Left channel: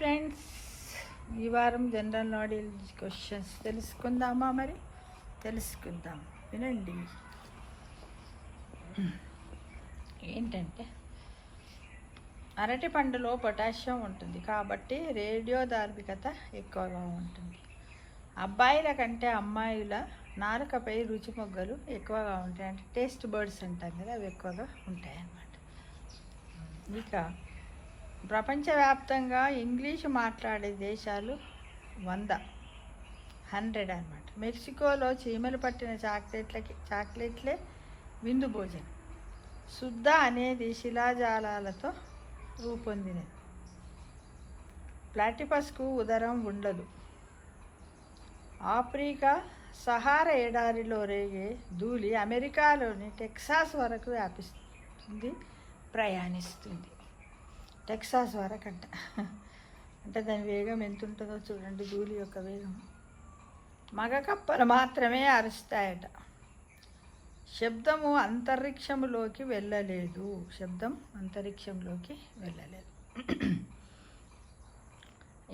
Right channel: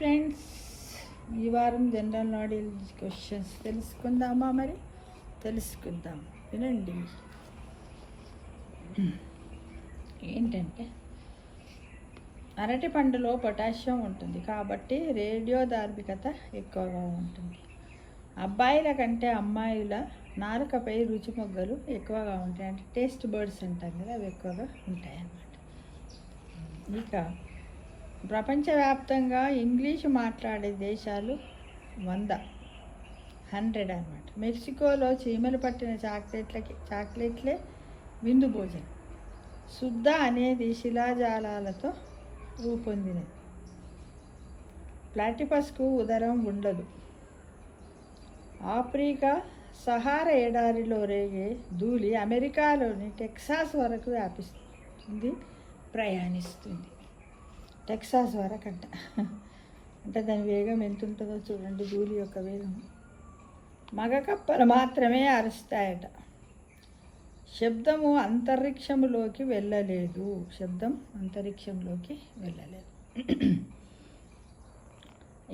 Friends, ఈ వారం general knowledge questions తెలుసుకుందామా? మరి తెలుసుకుందాం, వినండి. ఏంటంటే, అరటి పండులో పొటాషియం ఉంటుంది కాబట్టి రేడియోధార్మికత ఎక్కువగా ఉంటుంది. అబ్బాయిల కంటే అమ్మాయిల నాలుకపై రుచి మొగ్గలు ఎక్కువగా ఉంటాయి. అంటే టేస్ట్ బర్డ్స్ అంటారు కదా, అవి ఎక్కువగా ఉంటాయి అన్నమాట. ఇక ప్రపంచవ్యాప్తంగా ఇంగ్లీషు మాట్లాడే దేశాలు 100 అన్నమాట. మెక్సికోలో చీమలు పట్టిన చాక్లెట్లే విందు భోజనం. శుద్ధ అనేది శిలాజాలతో రూపొందినది. ప్లాటిపస్కు ఉదరం ఉండదు. ఆఫ్రికా సహారా ఎడారిలో రేగే ధూళి అమెరికాలోని టెక్సాస్ వరకు వ్యాపిస్తుంది, ప్రయాణిస్తుంది. టెక్సాస్ వరకు అంటే దాని వేగం ఎంత ఉంటుందో చూడండి, ధూళి యొక్క వేగం. మగ కప్పలు మాత్రమే అరుస్తాయట. శబ్దం అంతరిక్షంలోకి వెళ్ళలేదు.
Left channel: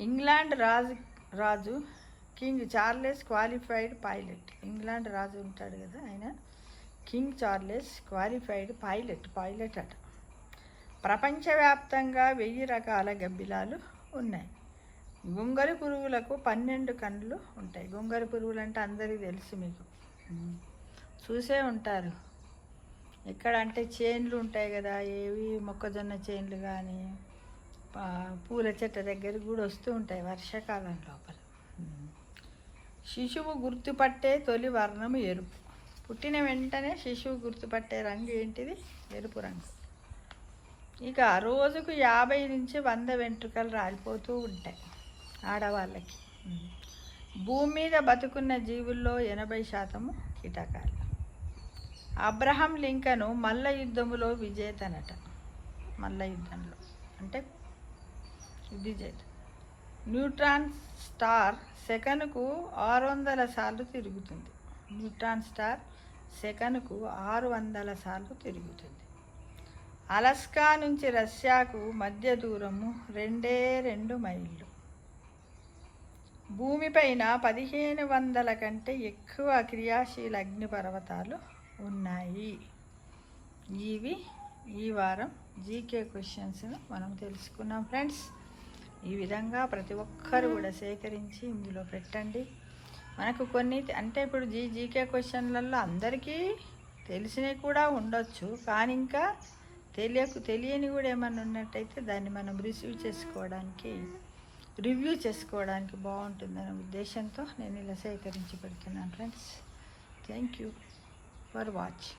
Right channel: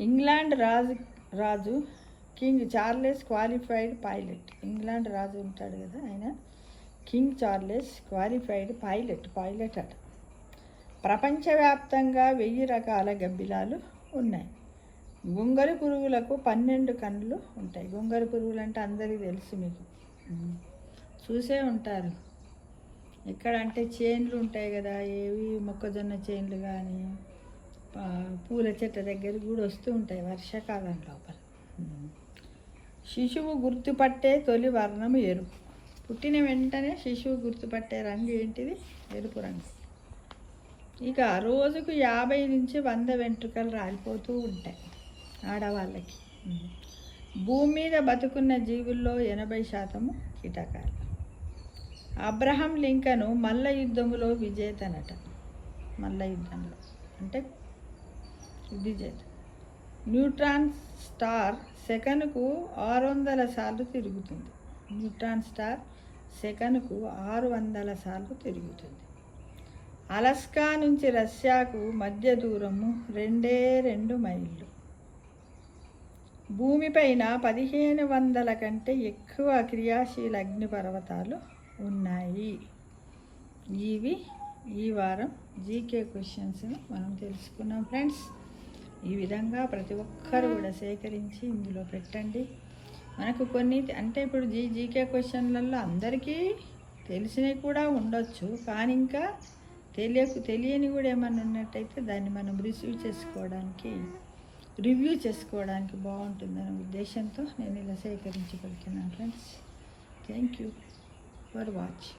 ఇంగ్లాండ్ రాజు king Charles qualified pilot. England రాజు ఉంటాడు కదా, ఆయన కింగ్ చార్లెస్ క్వాలిఫైడ్ పైలట్ అట. ప్రపంచవ్యాప్తంగా 1000 రకాల గబ్బిలాలు ఉన్నాయి. గొంగళి పురుగులకు 12 కన్నులు ఉంటాయి. గొంగళి పురుగులు అంటే అందరికీ తెలుసు, మీకు చూసే ఉంటారు. ఎక్కడ అంటే చేన్లు ఉంటాయి కదా, ఏవి మొక్కజొన్న చేన్లు కానీ పూల చెట్ల దగ్గర కూడా వస్తూ ఉంటాయి వర్షాకాలం లోపల. శిశువు గుర్తుపట్టే తొలి వర్ణం ఎరుపు. పుట్టిన వెంటనే శిశువు గుర్తుపట్టే రంగు ఏంటిది? ఎరుపు రంగు. ఇక రోజుకు 50 నుంచి 100 వెంట్రుకలు రాలిపోతూ ఉంటాయి ఆడవాళ్ళకి. భూమి మీద బతుకున్న జీవుల్లో 80% కీటకాలు. అబ్రహం లింకన్ మల్ల యుద్ధంలో విజేతనట. మల్ల యుద్ధంలో అంటే విజేత. న్యూట్రాన్ స్టార్ సెకనుకు 600 సార్లు తిరుగుతుంది. న్యూట్రాన్ స్టార్ సెకనుకు 600 సార్లు తిరుగుతుంది. అలస్కా నుంచి రష్యాకు మధ్య దూరము 2 మైళ్ళు. భూమిపైన 1500 కంటే ఎక్కువ క్రియాశీల అగ్నిపర్వతాలు ఉన్నాయి. ఇవి ఈ వారం జీకే క్వశ్చన్స్ను మనం తెలుసుకున్నాం ఫ్రెండ్స్. ఈ విధంగా ప్రతి ఒక్కరు కూడా సేకరించి ఇందులో పెట్టండి. మనకు కొన్ని అంటే ఇప్పుడు జీకే క్వశ్చన్లలో అందరికీ తెలిసినవి కూడా ఉండొచ్చు, కానీ ఇంకా తెలియని కూడా ఏమన్నా ఉన్నట్టయితే దాన్ని మనం రివ్యూ చేసుకోవడానికి బాగుంటుందనే ఉద్దేశంతో నేను ఇలా సేకరించి పెడుతున్నాను friends. Thank you for watch.